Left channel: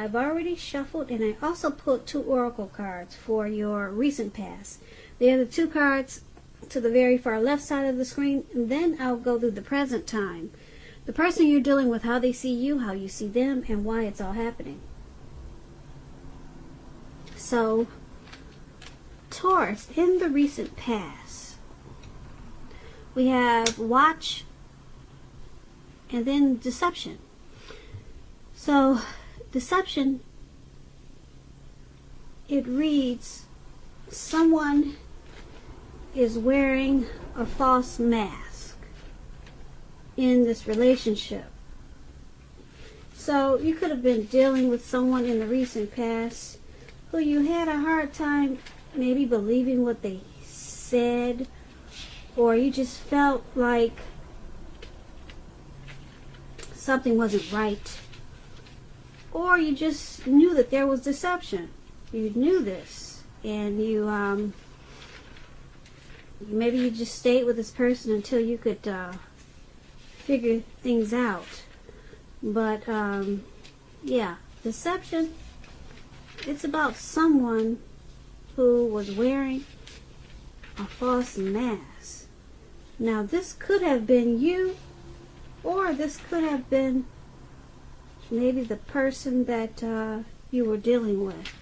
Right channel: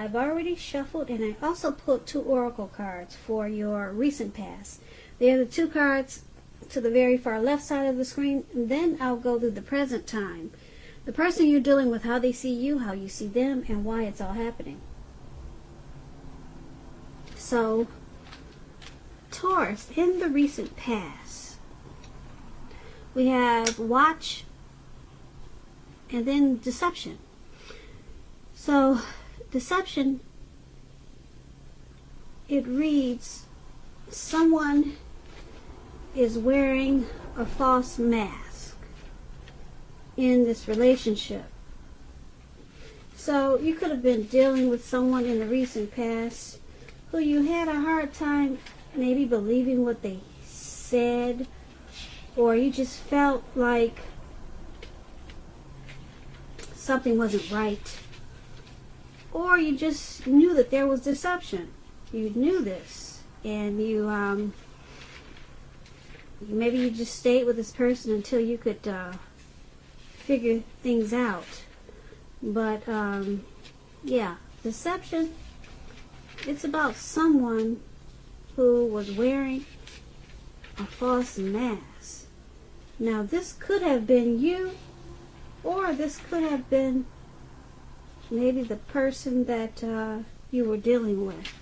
I've already shuffled, and I also put 2 oracle cards for your recent past. They're the 2 cards to the very far left side of the screen, and then I'll go to the present time. The person you're dealing with, how they see you, how you see them, and why it's all happening. So, Taurus, in the recent past, we have watch and then deception. So, deception, it reads, someone is wearing a false mask in this relationship. So, you could have been dealing with someone in the recent past who you had a hard time maybe believing what they said, or you just felt like something wasn't right, or you just knew that there was deception. You knew this, and maybe you just stayed with this person until you could figure things out. But yeah, deception, it's about someone who was wearing a false mask. Now, this could have been you, or this could have been maybe the person that you were dealing with.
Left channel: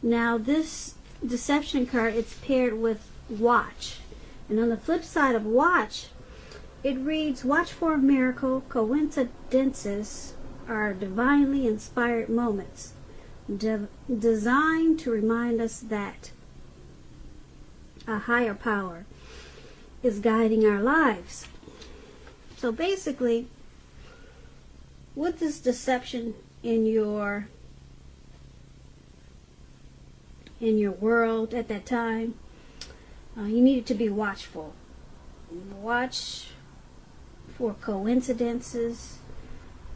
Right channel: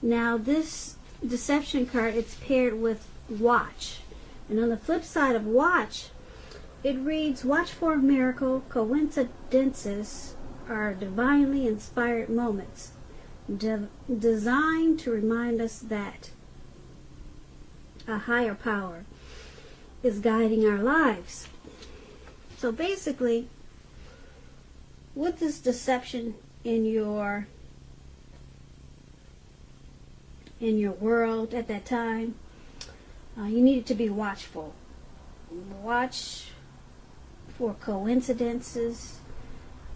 Now, this deception card, it's paired with watch. And on the flip side of watch, it reads, watch for a miracle. Coincidences are divinely inspired moments designed to remind us that a higher power is guiding our lives. So basically, with this deception in your world at that time, you needed to be watchful. Watch for coincidences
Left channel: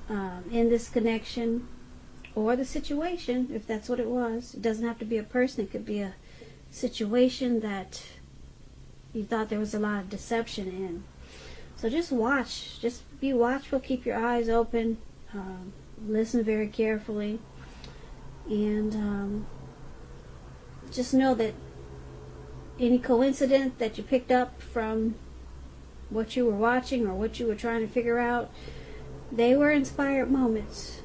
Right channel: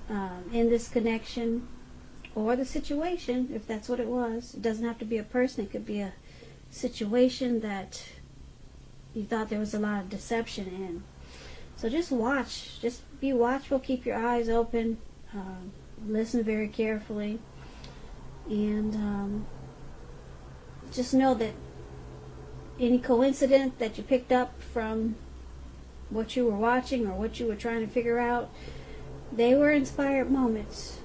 in this connection or the situation, if that's what it was. It doesn't have to be a person. It could be a situation that you thought there was a lot of deception in. So just watch. Just be watchful. Keep your eyes open. Listen very carefully. And just know that any coincidence that you picked up from what you were watching or what you were trying to figure out, they were inspired moments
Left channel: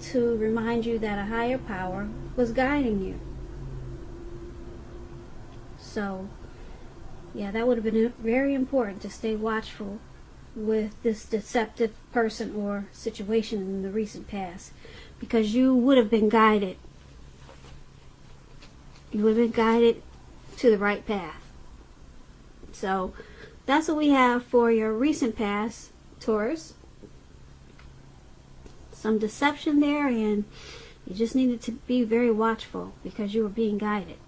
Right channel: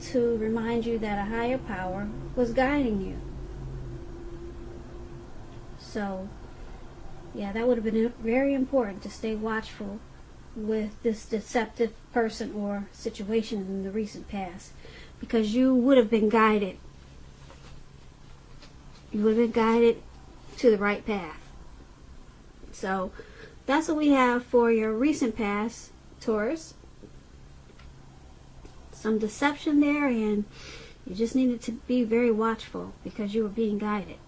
to remind you that a higher power was guiding you. So, yeah, that would have been very important to stay watchful with this deceptive person or situation in the recent past, because you would have been guided. You would have been guided to the right path. So, that's what we have for your recent past, Taurus. Some deception there, and you just needed to be very watchful because you were being guided.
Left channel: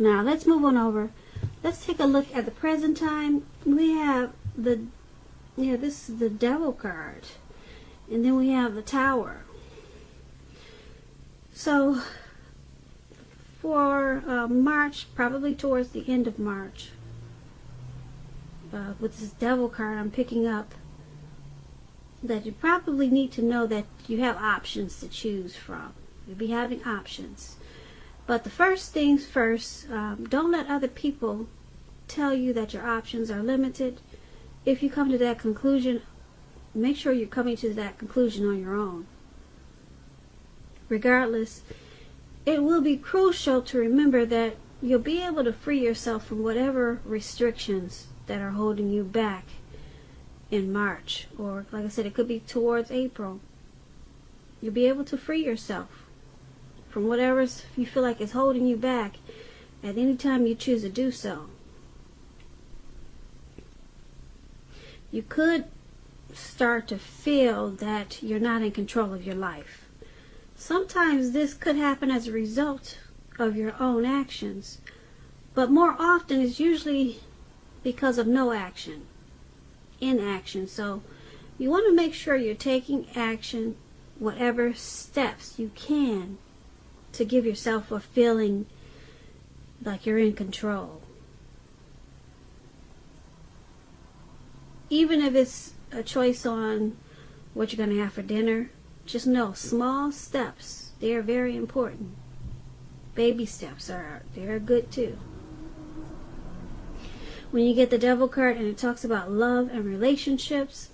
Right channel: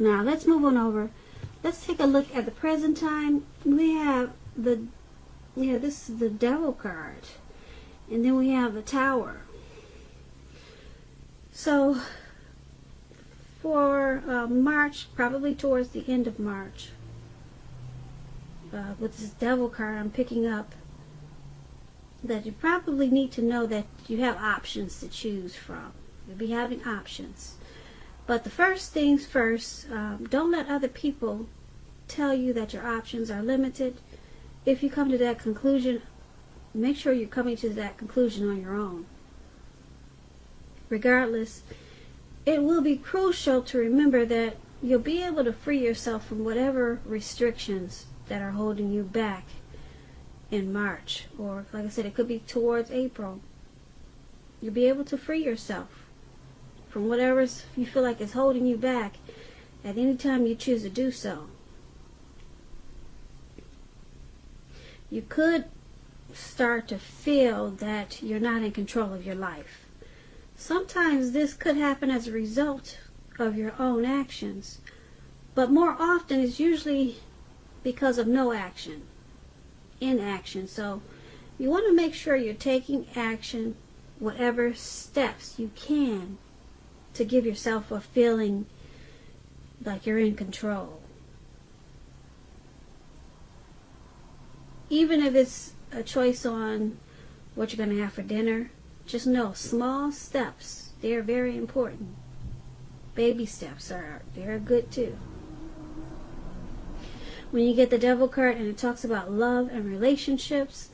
Now, let's move on over. Let's take a look at the present time. We have this is the Devil card. And then we have the Tower. So, for March, probably towards the end of March, with this Devil card I'm picking up, that you probably need to know that you have options to choose from. You'll be having options. But the first things first, don't let other people tell you that your options are limited. If you come to that conclusion, make sure you're coming to that conclusion on your own. Regardless, it will be crucial to remember that you'll be able to free yourself from whatever restrictions that are holding you back in March, or like I said, it could be towards April. You'll be able to free yourself from whatever you feel like is holding you back at any time you choose to do so. You could start to feel that you're not in control of your life. Sometimes this could happen as a result of your own actions, but more often it's usually because of no action. Inaction. So you want to make sure you're taking action, whatever steps you can, to give yourself a feeling like you're in control. Even if it's a choice on what you're going to have for dinner. Just know, small steps, they are very important. Baby steps are very good too. When you get the Devil card and it talks about love and relationships,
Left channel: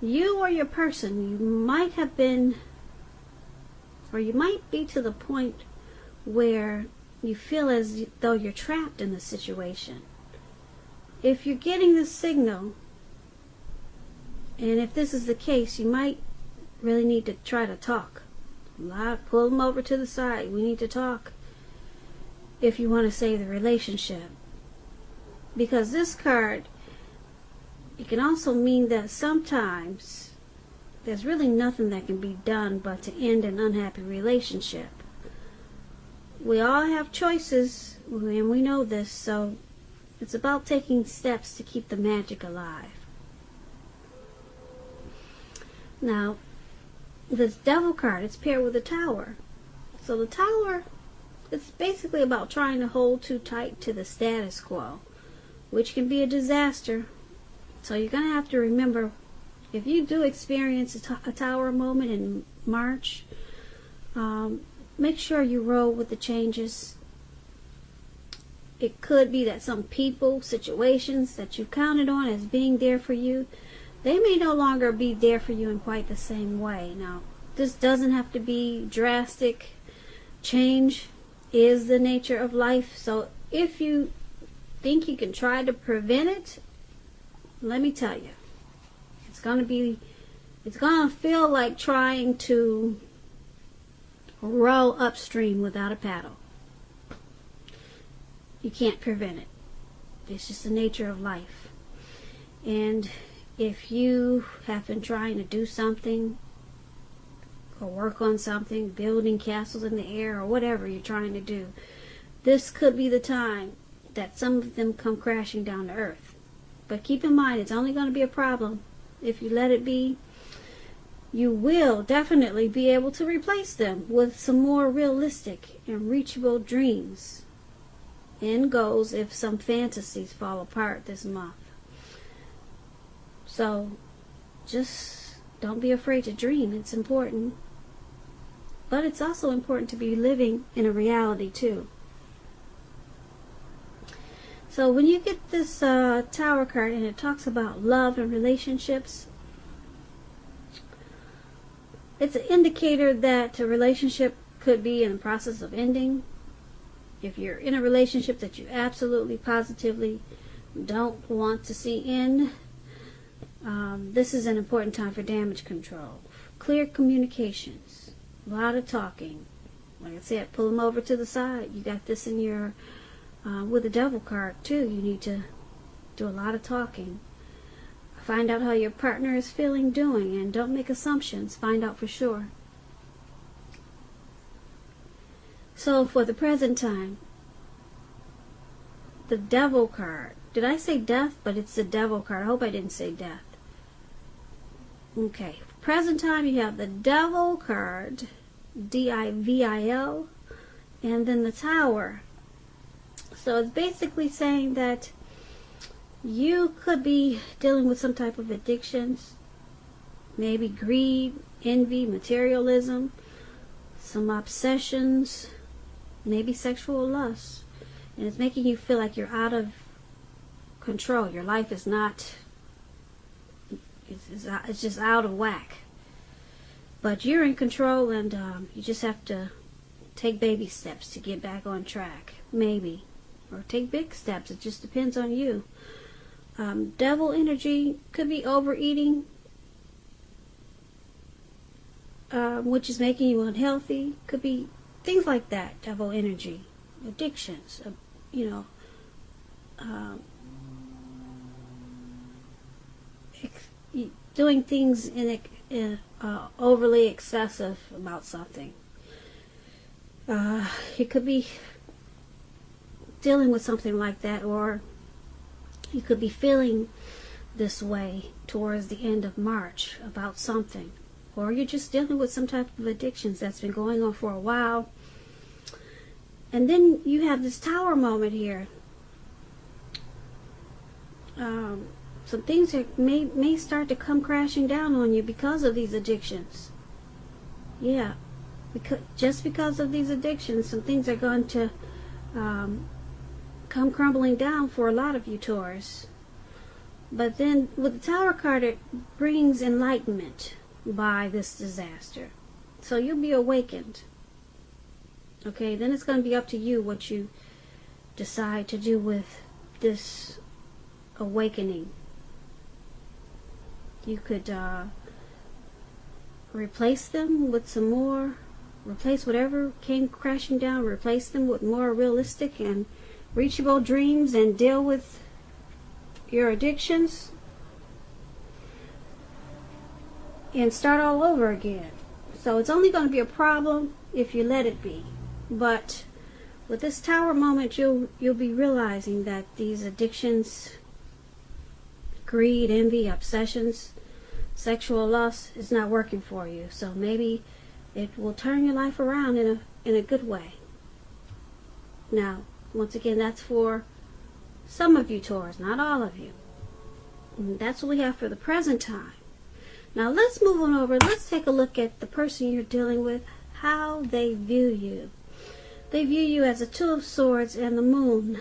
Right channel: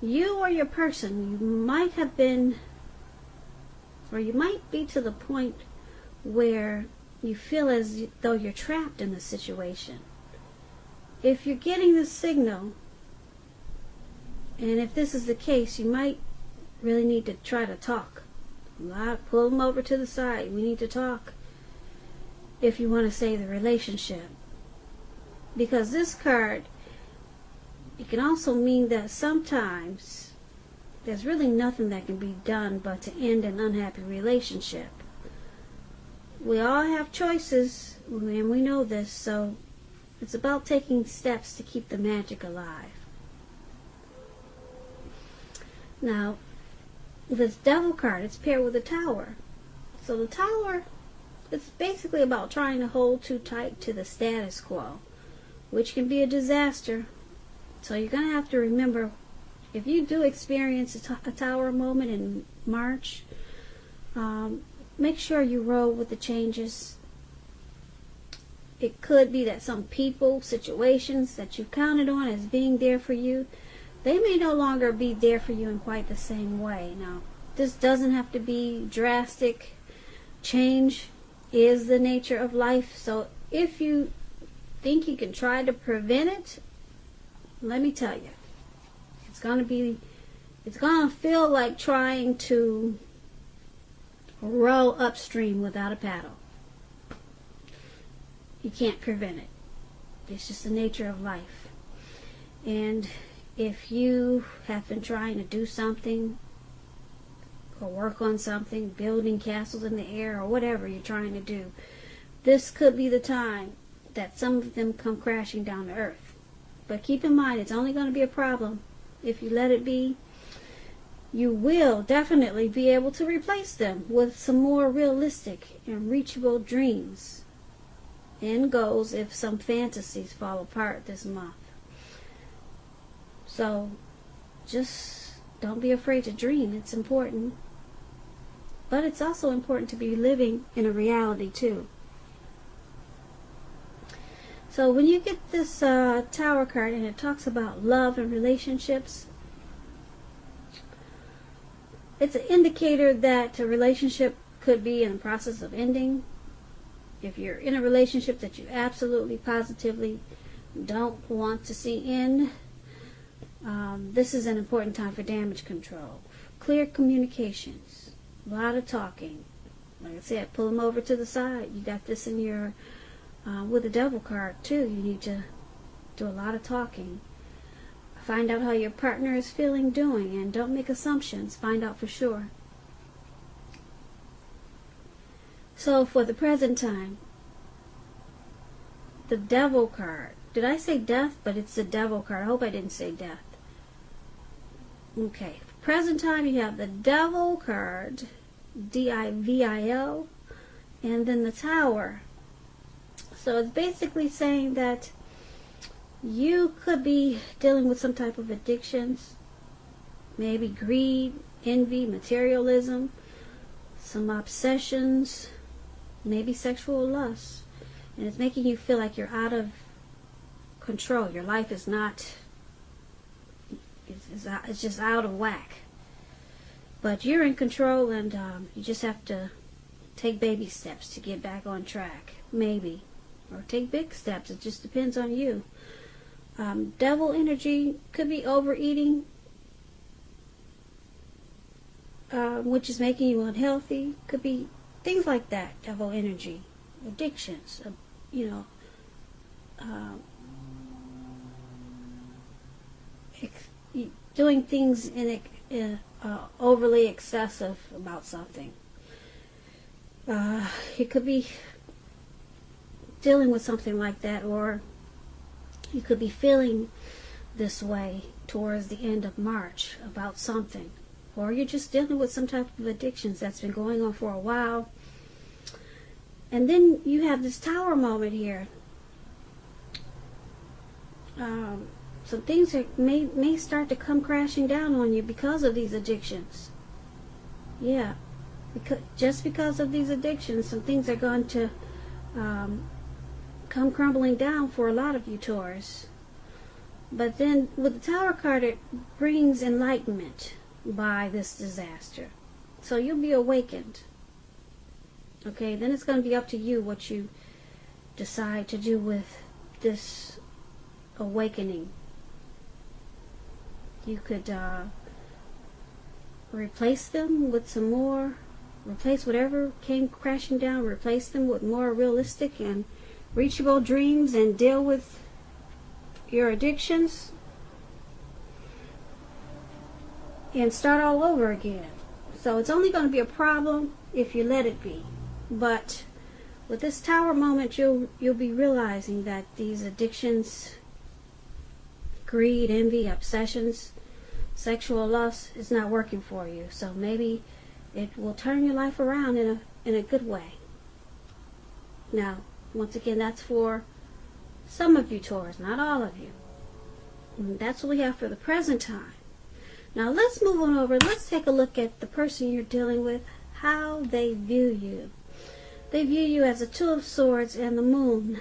you or your person, you might have been, or you might be to the point where you feel as though you're trapped in the situation. If you're getting this signal, and if this is the case, you might really need to try to talk. Pull them over to the side. We need to talk if you want to save the relationship. Because this card, it can also mean that sometimes there's really nothing that can be done but to end an unhappy relationship. We all have choices, and we know this, so it's about taking steps to keep the magic alive. Now, this Devil card, it's paired with a Tower. So the Tower is basically about trying to hold too tight to the status quo, which can be a disaster. So you're going to have to remember, if you do experience a Tower moment in March, make sure you roll with the changes. It could be that some people, situations that you counted on as being there for you, they may no longer be there for you in quite the same way. Now, this doesn't have to be drastic. Change is the nature of life. So if you think you can try to prevent it, let me tell you, it's going to feel like trying to row upstream without a paddle. You can't prevent it. It's just the nature of life. And if you have been trying to do something or work on something, building castles in the air or whatever you're trying to do, this could be the time that some of them come crashing down to earth. But keep in mind, it's only going to be a problem if you let it be. You will definitely be able to replace them with some more realistic and reachable dreams and goals if some fantasies fall apart this month. So, just don't be afraid to dream. It's important. But it's also important to be living in a reality too. So when you get this Tower card and it talks about love and relationships, it's an indicator that a relationship could be in the process of ending. If you're in a relationship that you absolutely, positively don't want to see end, this is an important time for damage control. Clear communications. A lot of talking. Like I said, pull them over to the side. You got this in your, with the Devil card too. You need to do a lot of talking. Find out how your partner is feeling, doing, and don't make assumptions. Find out for sure. So for the present time, the Devil card. Did I say death? But it's the Devil card. I hope I didn't say death. Okay. Present time, you have the Devil card, D-I-V-I-L, and then the Tower. So it's basically saying that you could be dealing with some type of addictions, maybe greed, envy, materialism, some obsessions, maybe sexual lust. And it's making you feel like you're out of control. Your life is not, it's just out of whack. But you're in control, and you just have to take baby steps to get back on track, maybe. Or take big steps. It just depends on you. Devil energy could be overeating, which is making you unhealthy. Could be things like that. Devil energy, addictions, doing things in overly excessive about something. It could be dealing with something like that, or you could be feeling this way towards the end of March about something, or you're just dealing with some type of addictions that's been going on for a while. And then you have this Tower moment here. some things that may start to come crashing down on you because of these addictions. Yeah, just because of these addictions, some things are going to come crumbling down for a lot of you Taurus. But then with the Tower card, it brings enlightenment by this disaster. So you'll be awakened. Okay, then it's going to be up to you what you decide to do with this awakening. You could replace them with some more, replace whatever came crashing down, replace them with more realistic and reachable dreams, and deal with your addictions and start all over again. So it's only going to be a problem if you let it be. But with this Tower moment, you'll be realizing that these addictions, greed, envy, obsessions, sexual lust is not working for you. So maybe it will turn your life around in a good way. Now, once again, that's for some of you Taurus, not all of you. And that's what we have for the present time. Now let's move on over. Let's take a look at the person you're dealing with, how they view you. They view you as a Two of Swords and the Moon.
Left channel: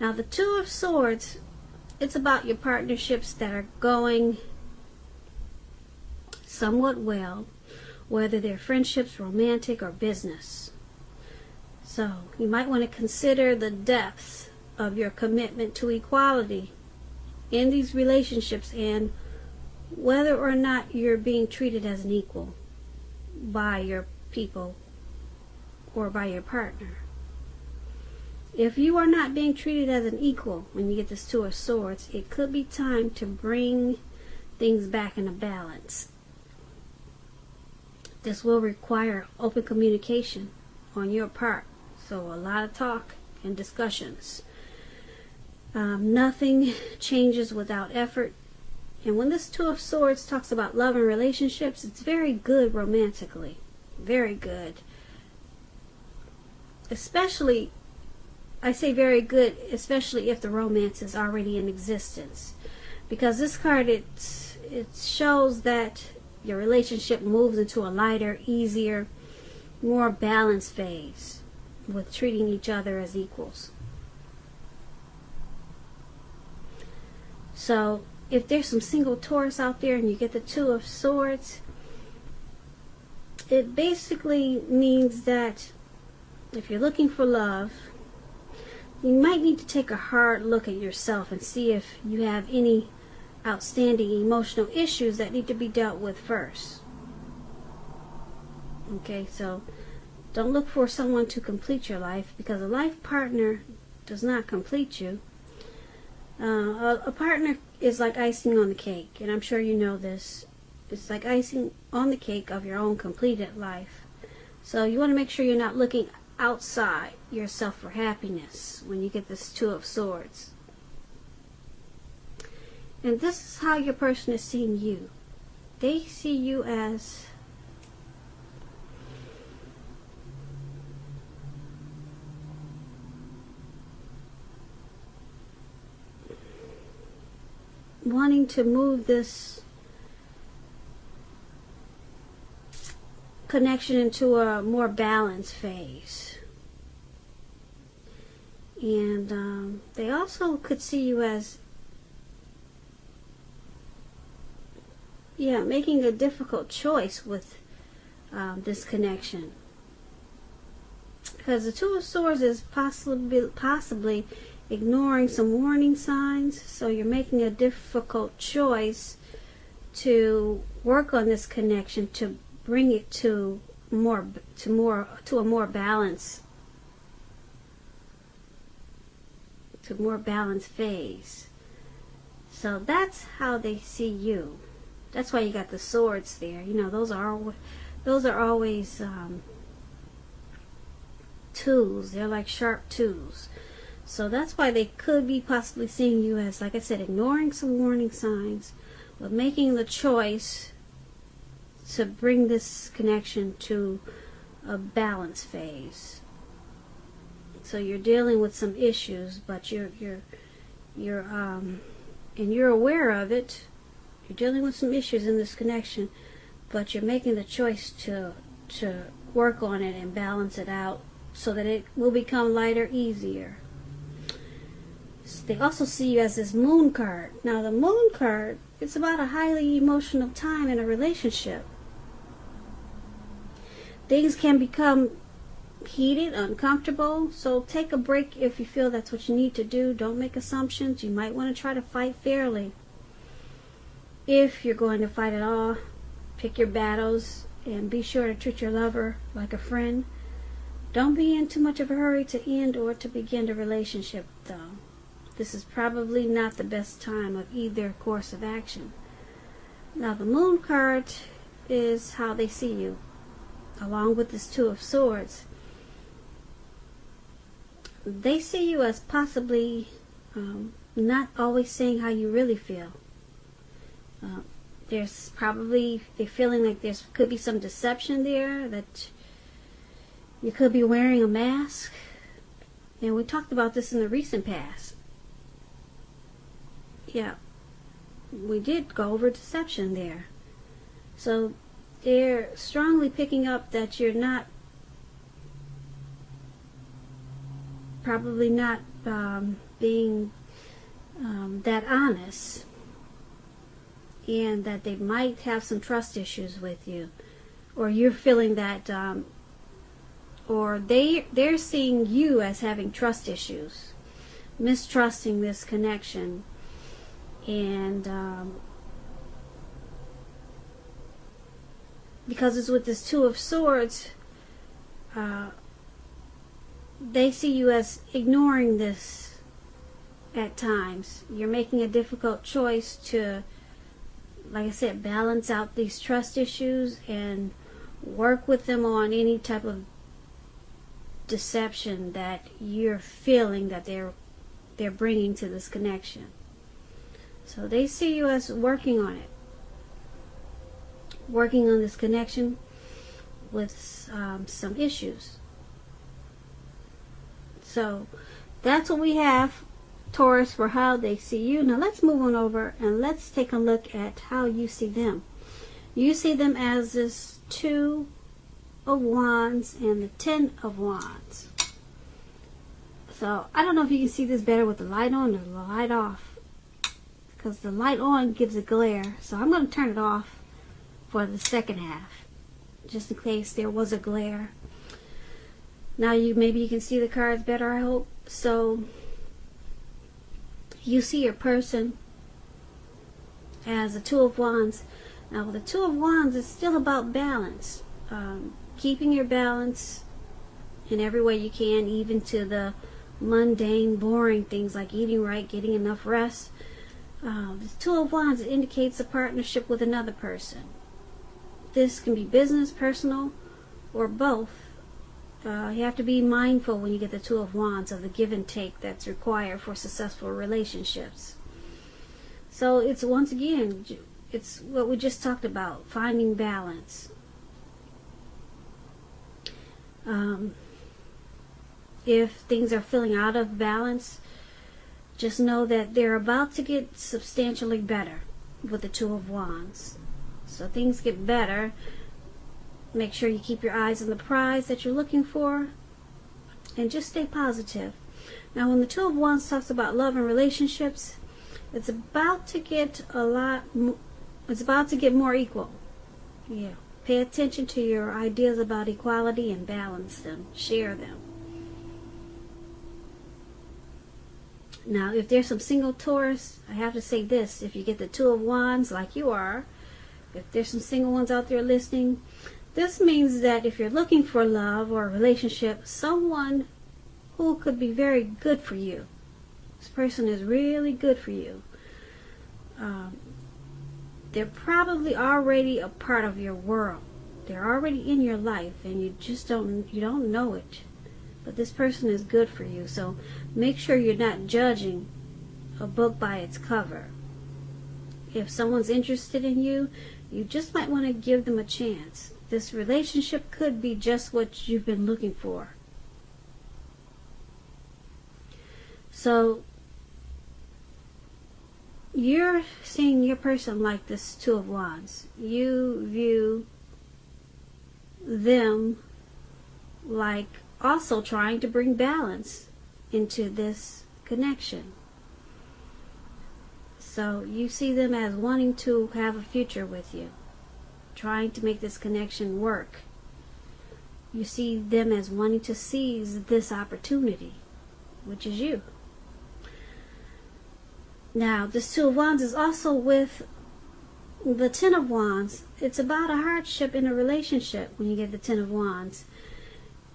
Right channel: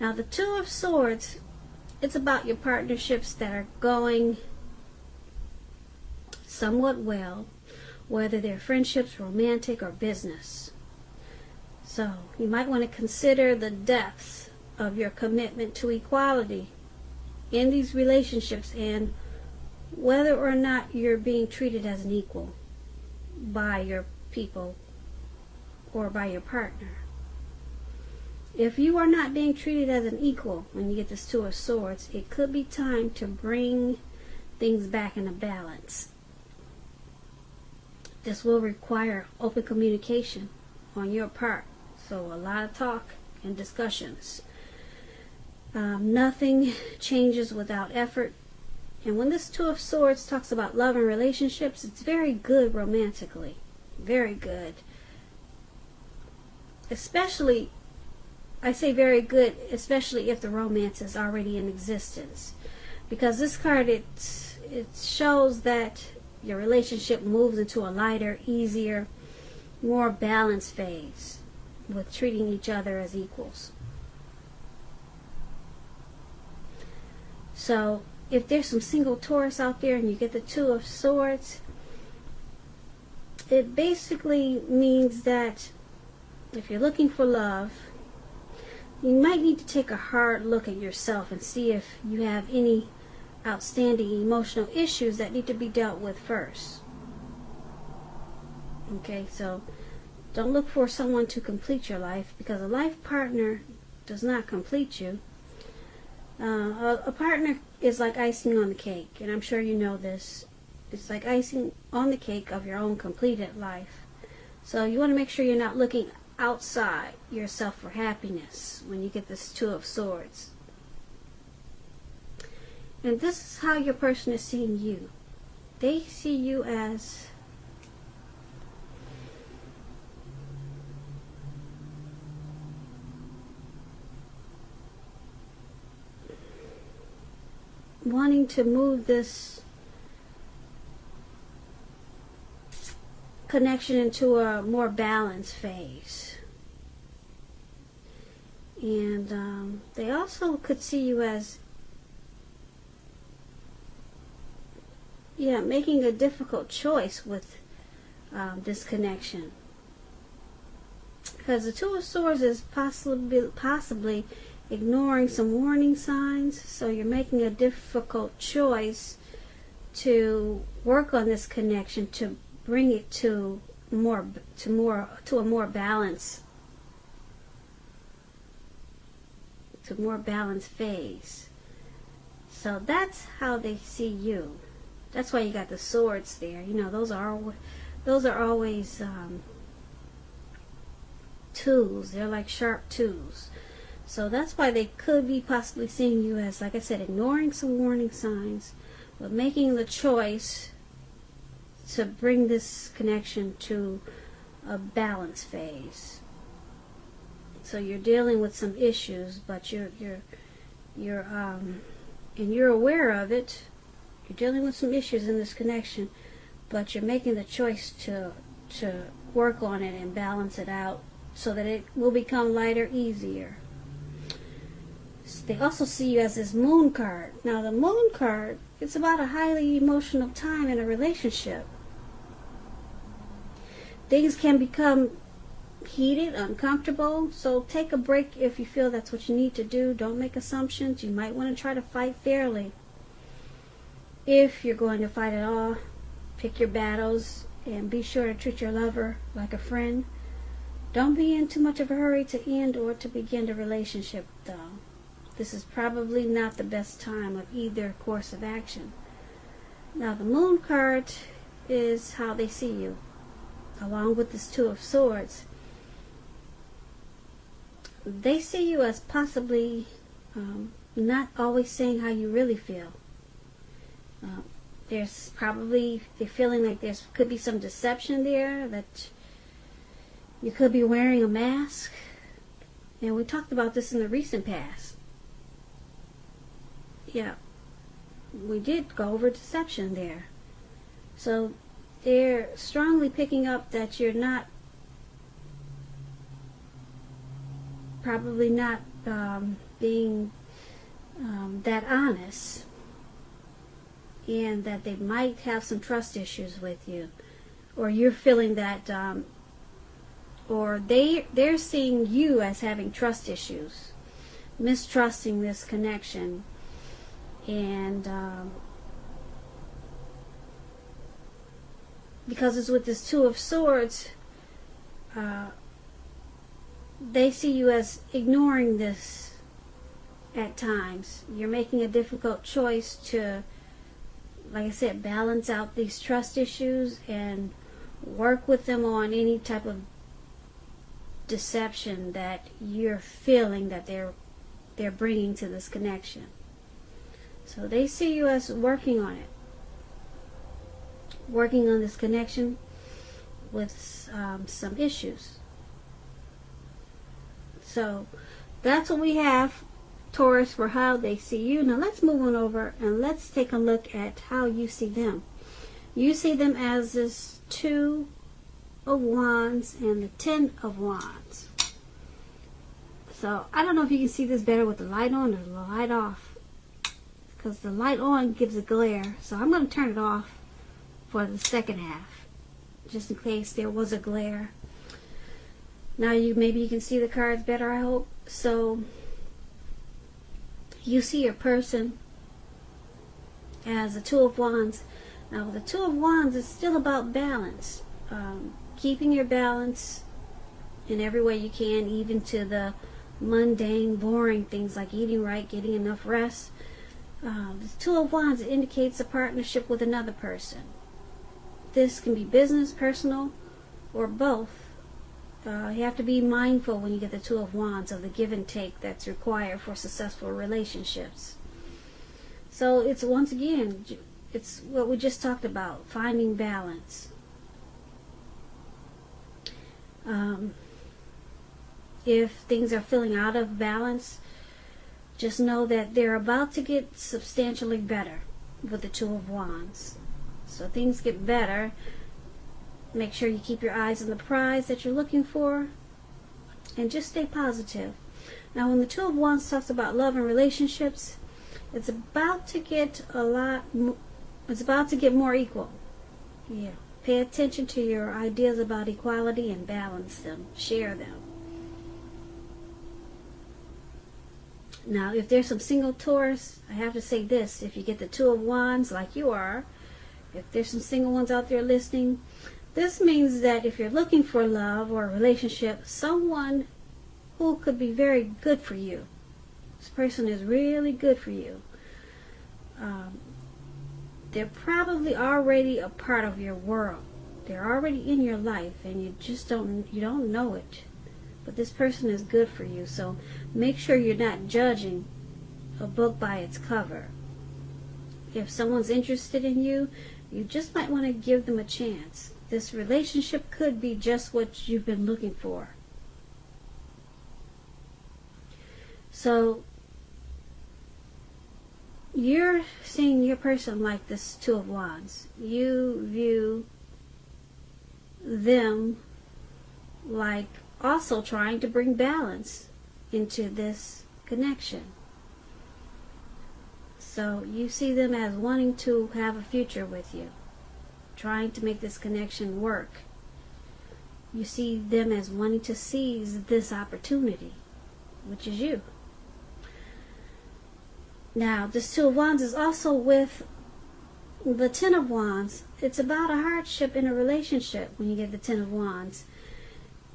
Now the Two of Swords, it's about your partnerships that are going somewhat well, whether they're friendships, romantic, or business. So you might want to consider the depth of your commitment to equality in these relationships and whether or not you're being treated as an equal by your people or by your partner. If you are not being treated as an equal when you get this Two of Swords, it could be time to bring things back into balance. This will require open communication on your part. So a lot of talk and discussions. Nothing changes without effort. And when this Two of Swords talks about love and relationships, it's very good romantically. Very good. Especially, I say very good, especially if the romance is already in existence. Because this card, it shows that your relationship moves into a lighter, easier, more balanced phase with treating each other as equals. So if there's some single Taurus out there and you get the Two of Swords, it basically means that if you're looking for love, you might need to take a hard look at yourself and see if you have any outstanding emotional issues that need to be dealt with first. Okay, so don't look for someone to complete your life, because a life partner does not complete you. A partner is like icing on the cake, and I'm sure you know this. It's like icing on the cake of your own completed life. So you want to make sure you're not looking outside yourself for happiness when you get this Two of Swords. And this is how your person is seeing you. They see you as wanting to move this connection into a more balanced phase. And they also could see you as making a difficult choice with this connection. Because the Two of Swords is possibly ignoring some warning signs, so you're making a difficult choice to work on this connection to bring it to a more balanced phase. So that's how they see you. That's why you got the swords there. You know, those are always tools. They're like sharp tools. So that's why they could be possibly seeing you as, like I said, ignoring some warning signs, but making the choice to bring this connection to a balance phase. So you're dealing with some issues, but you're and you're aware of it. You're dealing with some issues in this connection, but you're making the choice to work on it and balance it out so that it will become lighter, easier. They also see you as this moon card. Now the moon card, it's about a highly emotional time in a relationship. Things can become heated, uncomfortable, so take a break if you feel that's what you need to do. Don't make assumptions. You might want to try to fight fairly. If you're going to fight at all, pick your battles and be sure to treat your lover like a friend. Don't be in too much of a hurry to end or to begin the relationship, though. This is probably not the best time of either course of action. Now, the moon card is how they see you, along with this Two of Swords. They see you as possibly not always saying how you really feel. There's probably a feeling like there could be some deception there, that you could be wearing a mask. And we talked about this in the recent past. Yeah, we did go over deception there. So they're strongly picking up that you're not, probably not being that honest, and that they might have some trust issues with you, or you're feeling that, or they're seeing you as having trust issues, mistrusting this connection. And because it's with this Two of Swords, they see you as ignoring this at times. You're making a difficult choice to, like I said, balance out these trust issues and work with them on any type of deception that you're feeling that they're bringing to this connection. So they see you as working on it, working on this connection with some issues. So that's what we have, Taurus, for how they see you. Now let's move on over and let's take a look at how you see them. You see them as this Two of Wands and the Ten of Wands. So I don't know if you can see this better with the light on or the light off, because the light on gives a glare. So I'm going to turn it off for the second half, just in case there was a glare. Now maybe you can see the cards better, I hope. So you see your person as a Two of Wands. Now with the Two of Wands, it's still about balance. Keeping your balance in every way you can, even to the mundane, boring things like eating right, getting enough rest. The Two of Wands indicates a partnership with another person. This can be business, personal, or both. You have to be mindful when you get the Two of Wands of the give and take that's required for successful relationships. So it's, once again, it's what we just talked about, finding balance. If things are feeling out of balance, just know that they're about to get substantially better with the Two of Wands. So things get better. Make sure you keep your eyes on the prize that you're looking for, and just stay positive. Now when the Two of Wands talks about love and relationships, it's about to get more equal. Yeah. Pay attention to your ideas about equality and balance them. Share them. Now, if there's some single Taurus, I have to say this. If you get the Two of Wands like you are, if there's some single ones out there listening, this means that if you're looking for love or a relationship, someone who could be very good for you. This person is really good for you. They're probably already a part of your world. They're already in your life, and you don't know it. But this person is good for you. So make sure you're not judging a book by its cover. If someone's interested in you, you just might want to give them a chance. This relationship could be just what you've been looking for. So you're seeing your person like this Two of Wands. You view them like also trying to bring balance into this connection. So you see them as wanting to have a future with you, trying to make this connection work. You see them as wanting to seize this opportunity, which is you. Now, this Two of Wands is also with the Ten of Wands. It's about a hardship in a relationship when you get the Ten of Wands.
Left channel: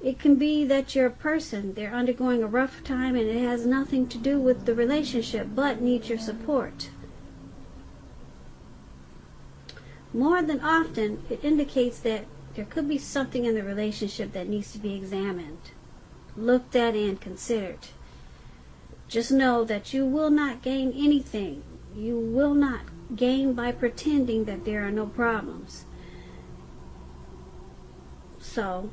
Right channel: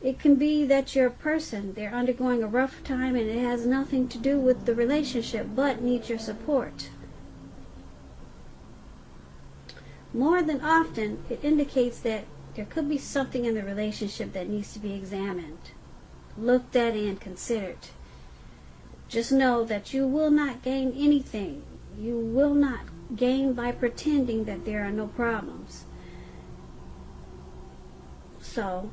It can be that your person, they're undergoing a rough time and it has nothing to do with the relationship, but needs your support. More than often, it indicates that there could be something in the relationship that needs to be examined, looked at, and considered. Just know that you will not gain anything. You will not gain by pretending that there are no problems. So,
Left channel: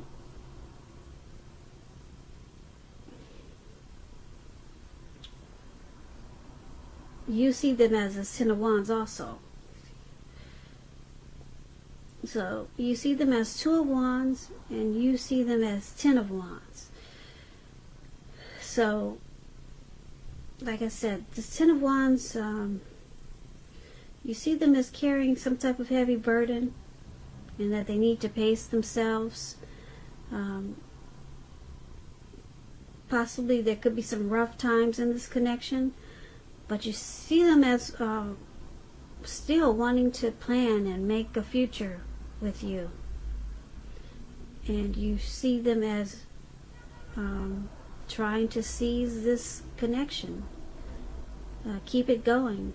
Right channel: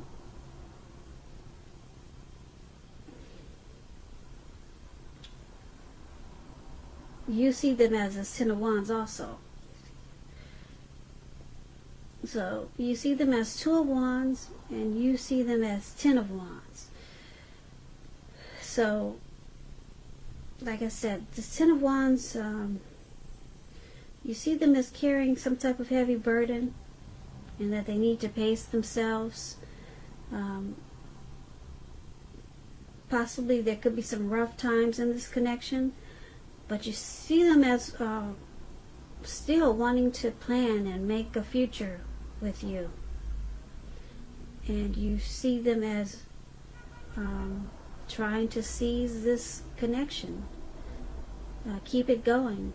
you see them as a Ten of Wands also. So, you see them as Two of Wands, and you see them as Ten of Wands. So, like I said, the Ten of Wands, you see them as carrying some type of heavy burden, and that they need to pace themselves. Possibly there could be some rough times in this connection, but you see them as still wanting to plan and make a future with you. And you see them as trying to seize this connection, keep it going,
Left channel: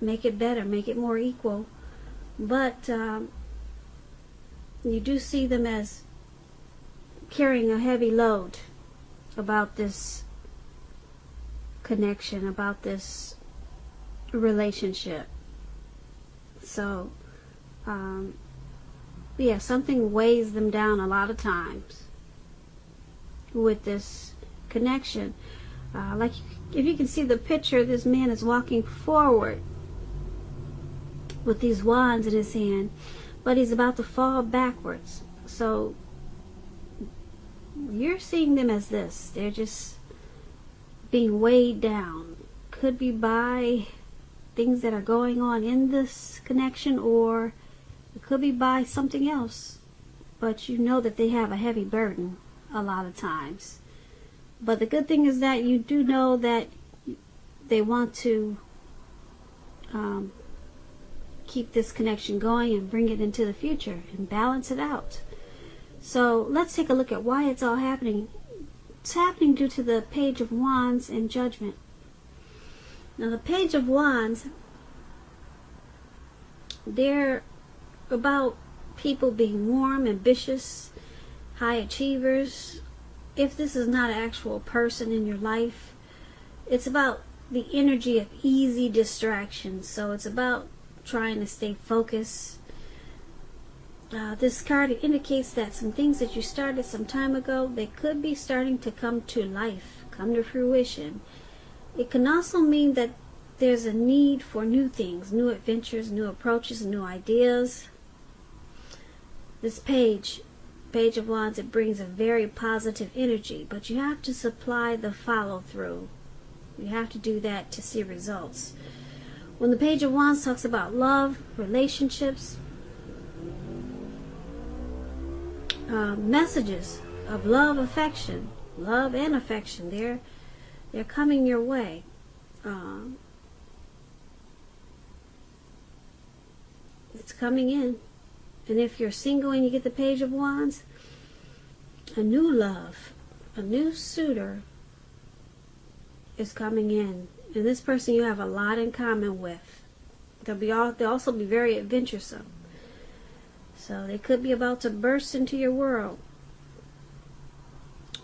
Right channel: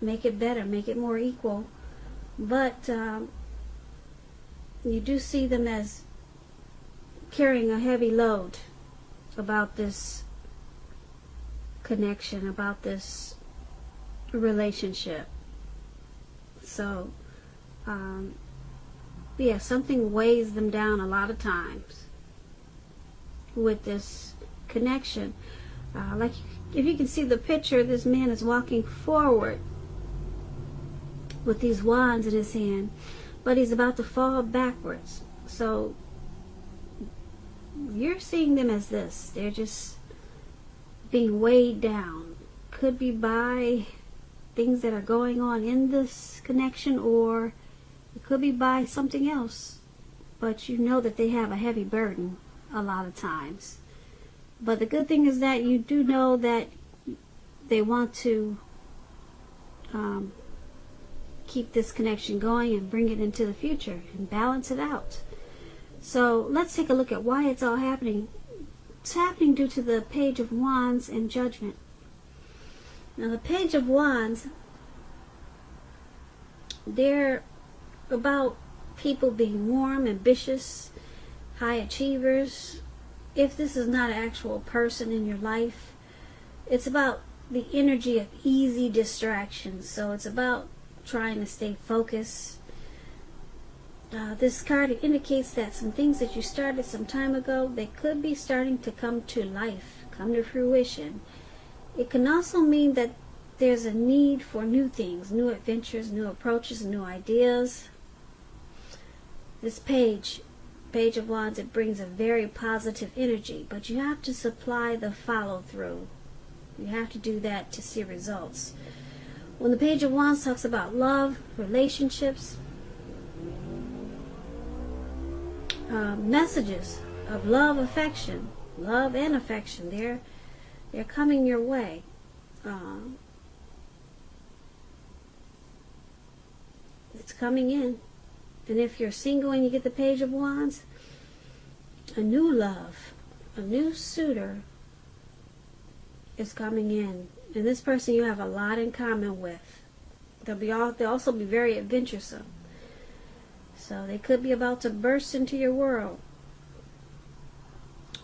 make it better, make it more equal. But you do see them as carrying a heavy load about this connection, about this relationship. So, yeah, something weighs them down a lot of times with this connection. Like, if you can see the picture, this man is walking forward with these wands in his hand, but he's about to fall backwards. So, you're seeing them as this. They're just being weighed down. Could be by things that are going on in this connection, or it could be by something else. But you know that they have a heavy burden a lot of times. But the good thing is that you do know that they want to keep this connection going and bring it into the future and balance it out. So let's take a look at why it's all happening. It's happening due to the Page of Wands and Judgment. Now the Page of Wands, they're about people being warm, ambitious, high achievers. If this is not an actual person in your life, it's about the energy of easy distractions. So it's about trying to stay focused. This card indicates that some things that you started some time ago, they could be starting to come to life, come to fruition. It can also mean that there's a need for new things, new adventures, new approaches, new ideas. This Page of Wands, it brings a very positive energy, but you have to supply the follow-through. You have to do that to see results. When the Page of Wands talks about love, relationships, messages of love, affection, love and affection, they're coming your way. It's coming in. And if you're single and you get the Page of Wands, a new love, a new suitor is coming in. And this person you have a lot in common with. They'll also be very adventuresome. So they could be about to burst into your world.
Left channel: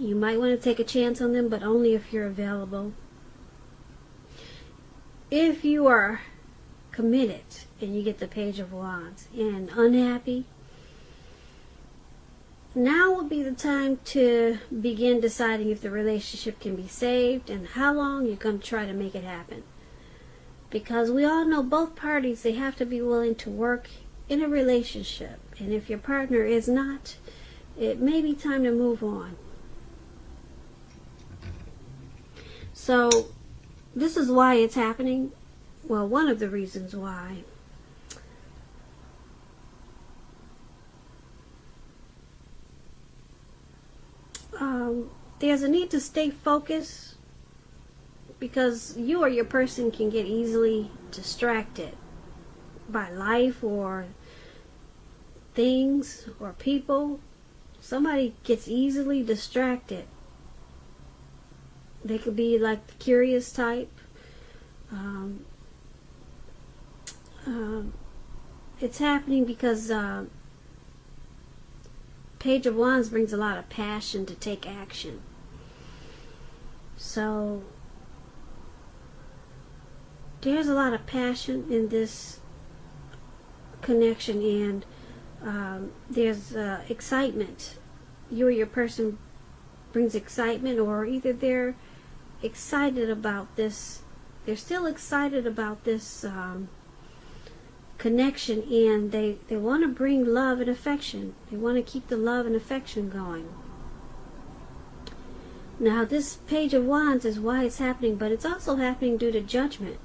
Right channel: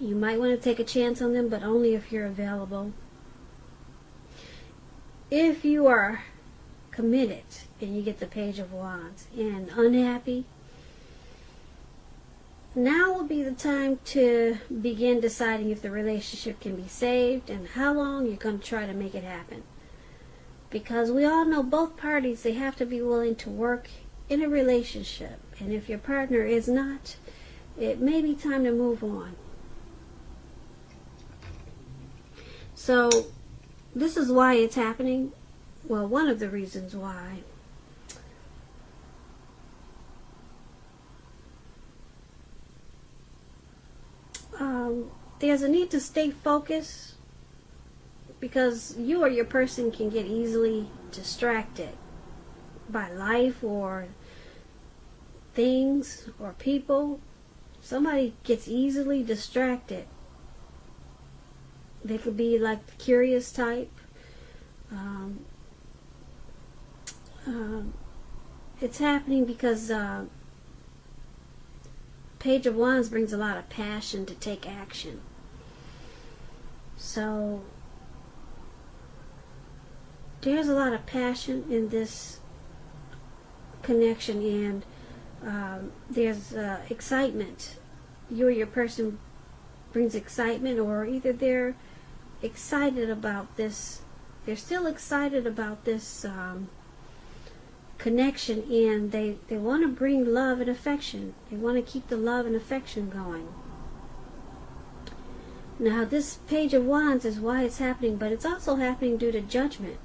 You might want to take a chance on them, but only if you're available. If you are committed and you get the Page of Wands and unhappy, now will be the time to begin deciding if the relationship can be saved and how long you're going to try to make it happen. Because we all know both parties, they have to be willing to work in a relationship. And if your partner is not, it may be time to move on. So, this is why it's happening. Well, one of the reasons why. There's a need to stay focused, because you or your person can get easily distracted by life or things or people. Somebody gets easily distracted. They could be like the curious type. It's happening because Page of Wands brings a lot of passion to take action. So there's a lot of passion in this connection, and there's excitement. You or your person brings excitement, or either they're excited about this, they're still excited about this connection, and they want to bring love and affection. They want to keep the love and affection going. Now, this Page of Wands is why it's happening, but it's also happening due to judgment.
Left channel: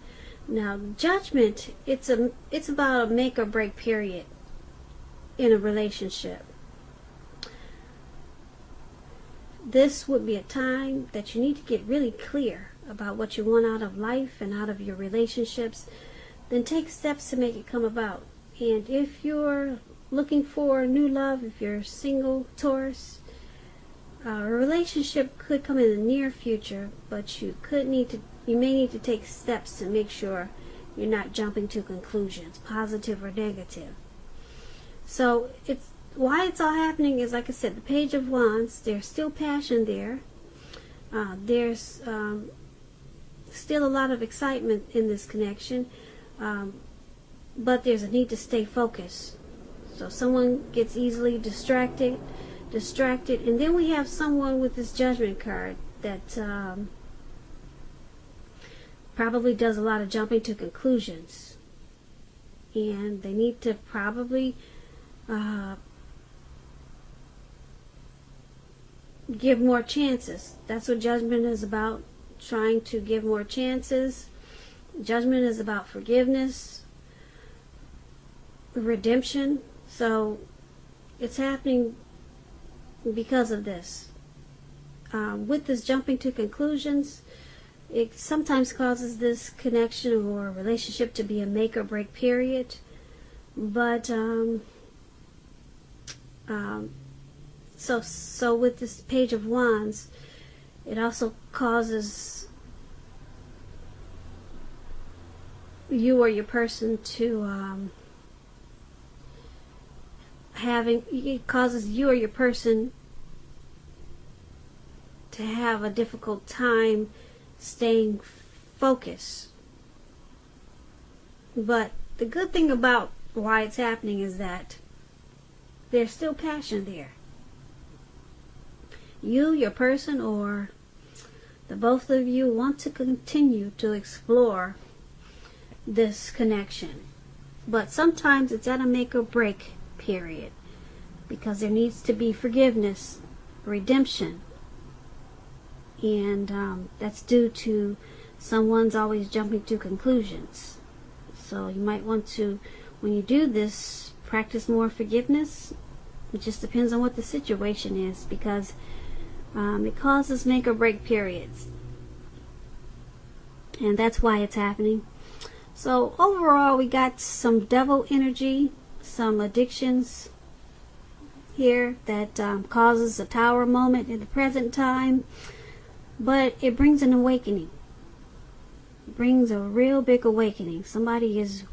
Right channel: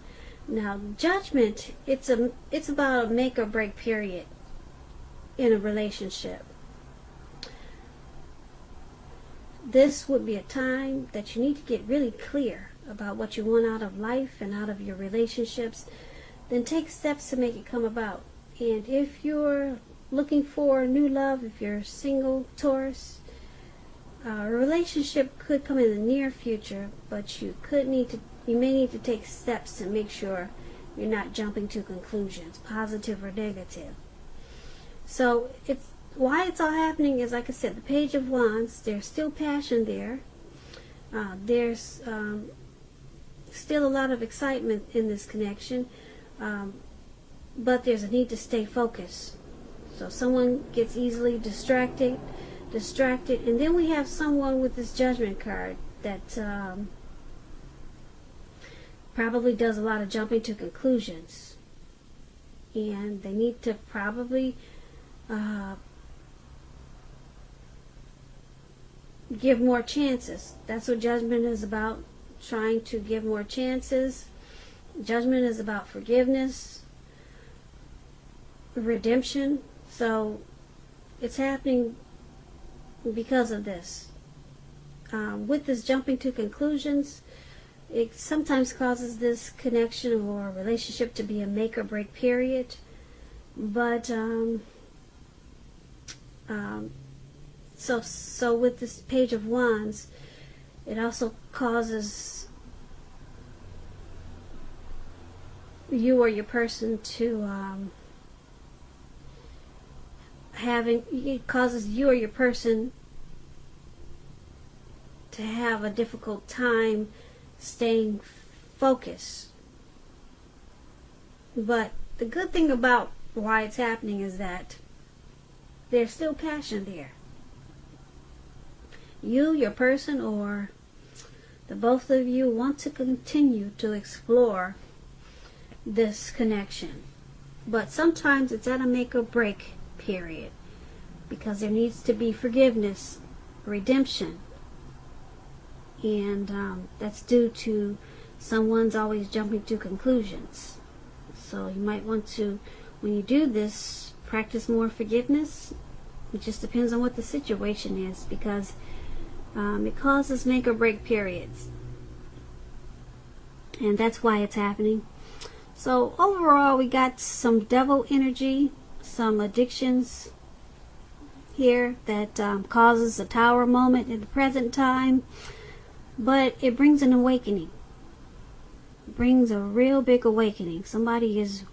Now, judgment, it's about a make or break period in a relationship. This would be a time that you need to get really clear about what you want out of life and out of your relationships. Then take steps to make it come about. And if you're looking for new love, if you're single, Taurus, a relationship could come in the near future, but you may need to take steps to make sure you're not jumping to conclusions, positive or negative. So why it's all happening is, like I said, the Page of Wands, there's still passion there. There's still a lot of excitement in this connection, but there's a need to stay focused. So someone gets easily distracted, and then we have someone with this Judgment card that probably does a lot of jumping to conclusions, and they need to probably give more chances. That's what Judgment is about, trying to give more chances. Judgment is about forgiveness, redemption. So it's happening because of this. With this jumping to conclusions, it sometimes causes this connection or relationship to be a make or break period. But so with this Page of Wands, it also causes you or your person to it causes you or your person to have a difficult time staying focused. But the good thing about why it's happening is that there's still passion there. You, your person, or the both of you want to continue to explore this connection. But sometimes it's at a make or break period, because there needs to be forgiveness, redemption, and that's due to someone's always jumping to conclusions. So you might want to, when you do this, practice more forgiveness. It just depends on what the situation is, because it causes make or break periods, and that's why it's happening. So overall, we got some devil energy, some addictions here that causes a Tower moment in the present time, but it brings an awakening. It brings a real big awakening. Somebody is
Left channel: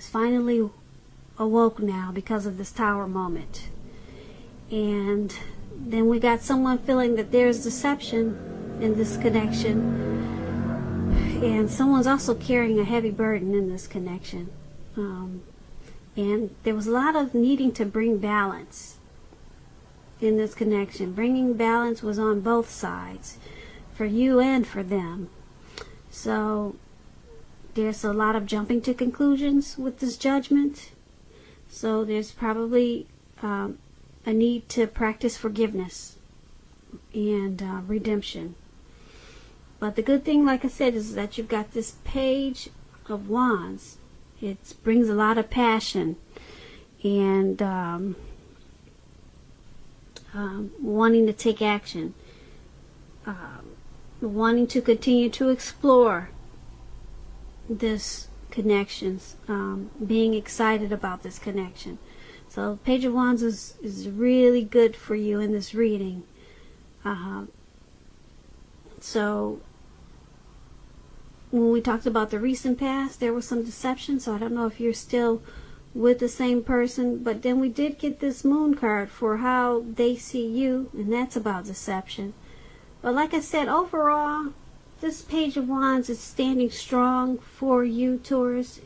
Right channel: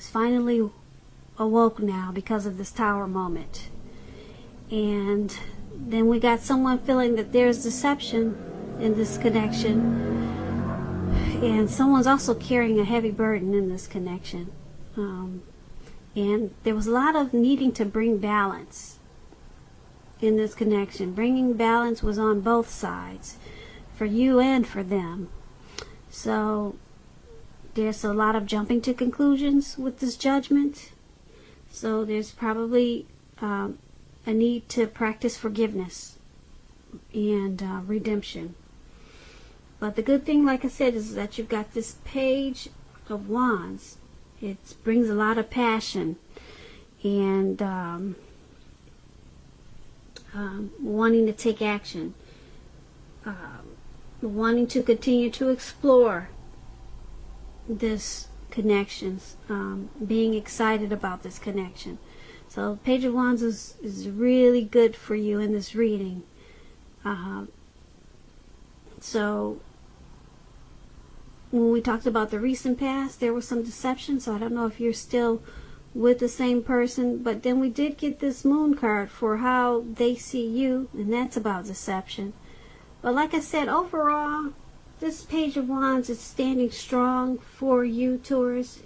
finally awoke now because of this Tower moment. And then we got someone feeling that there's deception in this connection, and someone's also carrying a heavy burden in this connection. And there was a lot of needing to bring balance in this connection. Bringing balance was on both sides, for you and for them. So There's a lot of jumping to conclusions with this judgment. So there's probably a need to practice forgiveness and redemption. But the good thing, like I said, is that you've got this Page of Wands. It brings a lot of passion and wanting to take action, wanting to continue to explore this connections, being excited about this connection. So Page of Wands is really good for you in this reading. So when we talked about the recent past, there was some deception, so I don't know if you're still with the same person, but then we did get this Moon card for how they see you, and that's about deception. But like I said, overall, this Page of Wands is standing strong for you, Taurus,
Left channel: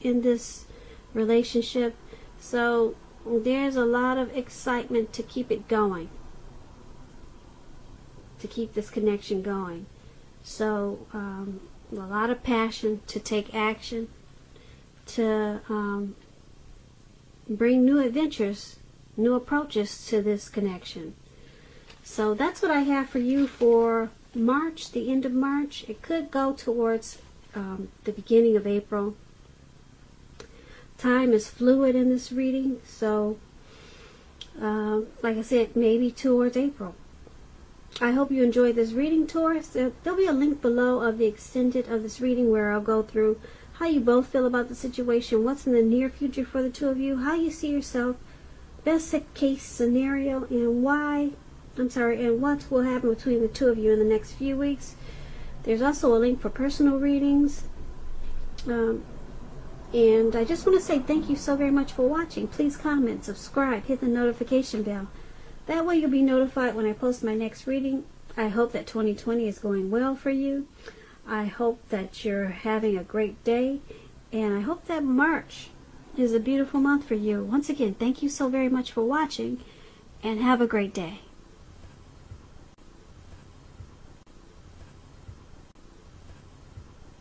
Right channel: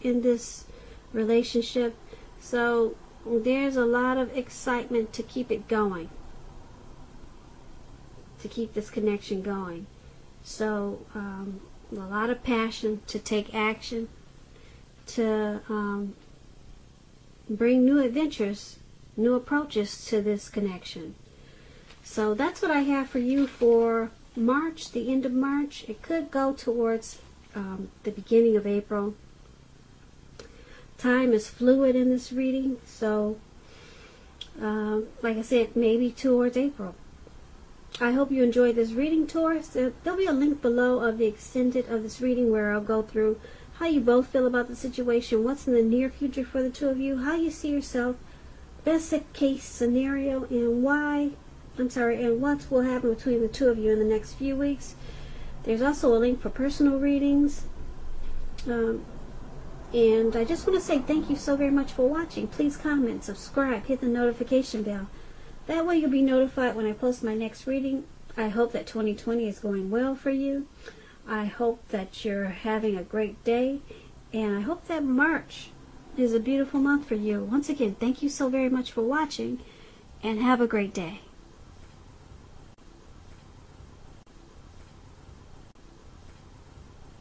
in this relationship. So there's a lot of excitement to keep it going, to keep this connection going. So a lot of passion to take action, to bring new adventures, new approaches to this connection. So that's what I have for you for March, the end of March. It could go towards the beginning of April. Time is fluid in this reading, so like I said, maybe towards April. I hope you enjoyed this reading, Taurus. There'll be a link below of the extended of this reading where I'll go through how you both feel about the situation, what's in the near future for the two of you, how you see yourself, best case scenario, and what will happen between the two of you in the next few weeks. There's also a link for personal readings. And I just want to say thank you so very much for watching. Please comment, subscribe, hit the notification bell. That way you'll be notified when I post my next reading. I hope that 2020 is going well for you. I hope that you're having a great day. And I hope that March is a beautiful month for you. Once again, thank you so very much for watching. And have a great day.